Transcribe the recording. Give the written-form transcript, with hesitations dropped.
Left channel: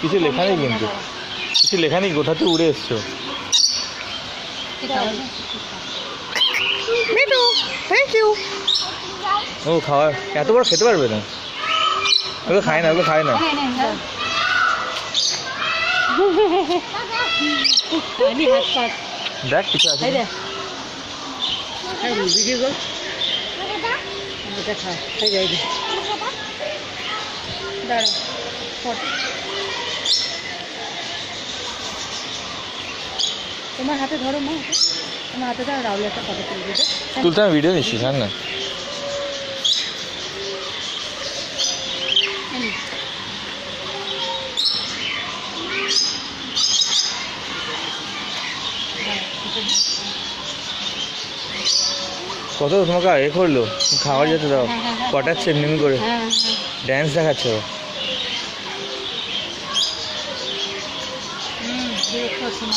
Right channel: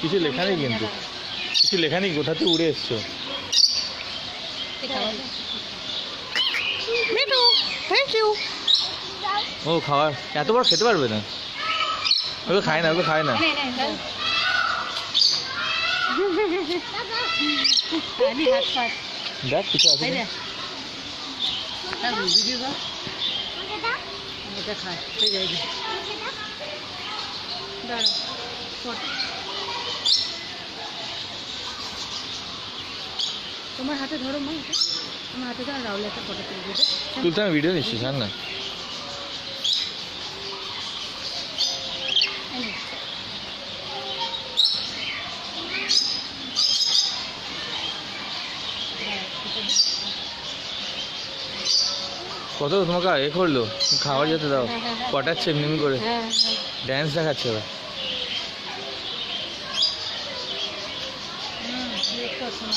কিছু লেখা নেই, কিন্তু কিছু লেখা নেই, গোটাতে উড়ে এসছো। Thank you. ও খাওয়ার এত বড় খেতে পারবে না, ওকে খায় না, ওকে খায় না। দেখ কিছু আছে তোমার হাতে ধরো মা, তোমার হাতে ধরো, রাহুল একটা ফটো তুলে দিতে। তুলতে আমি ভিডিও নিচ্ছি, জান না। কত তোমাকে এ করলো, খাবার যেতে দাও, পটাচ্ছে এমনি করে, ড্যান্স দেখাচ্ছে।